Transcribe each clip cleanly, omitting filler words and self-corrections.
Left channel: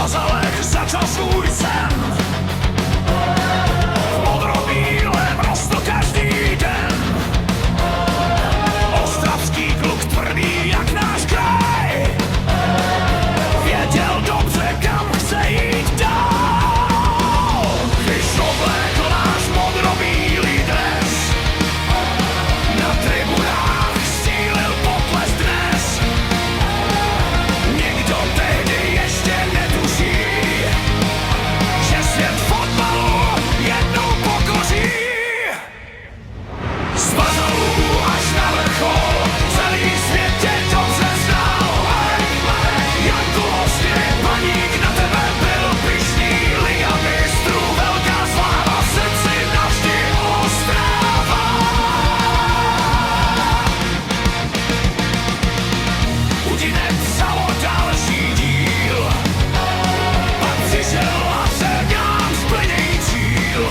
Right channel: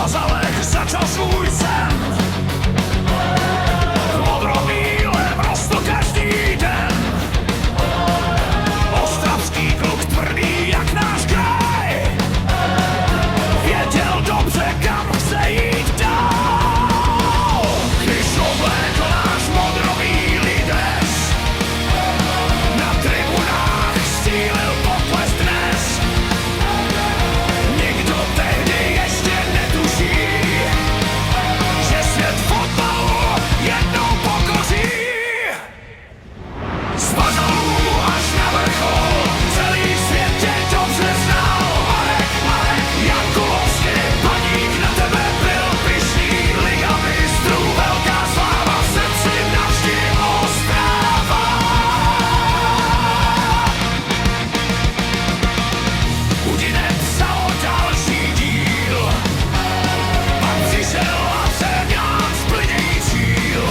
Bazalek začal svůj sen. V modrobílém rostl každý den. Ostravský kluk tvrdý jak náš kraj, věděl dobře, kam chce jít dál. Když oblékl náš modrobílý dres, na tribunách střílil potlesk dnes. Nikdo tehdy ještě netuší, že svět fotbalu jednou pokoří. Z Bazalů až na vrchol celý svět tě dobře znal. Marek, Jankulovský, Baník na tebe byl pyšný. Liga mistrů, velká sláva, v srdci navždy Ostrava. Udine psalo další díl, pak přišel a měl nám splněný cíl.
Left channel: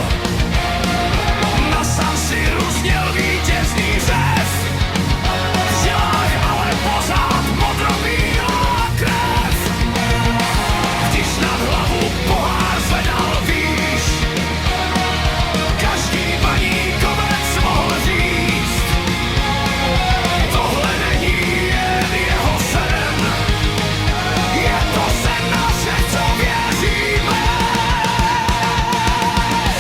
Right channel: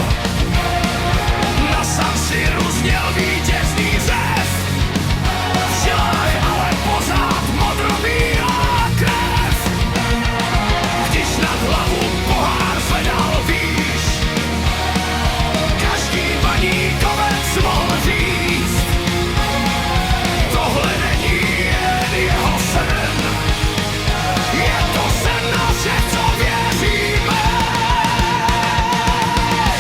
Na San Siru zněl vítězný řev, v žilách ale pořád modrobílá krev. Když nad hlavu pohár zvedal výš, každý baníkovec mohl říct: tohle není jen jeho sen, je to sen našich, co věříme.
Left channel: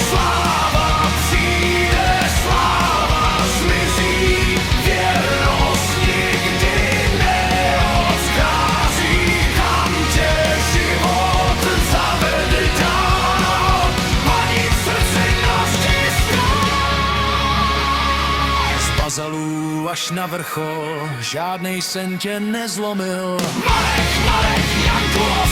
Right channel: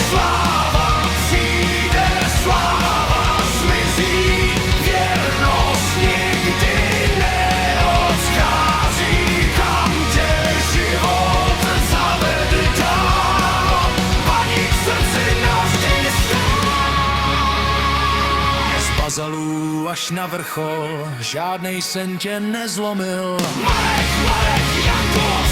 Sláva přijde, sláva zmizí, věrnost nikdy neodchází. Kam tě život zavede dál, Baník v srdci navždy stál. Z Bazalů až na vrchol žádnej sen tě nezlomil. Marek, Jankulovský.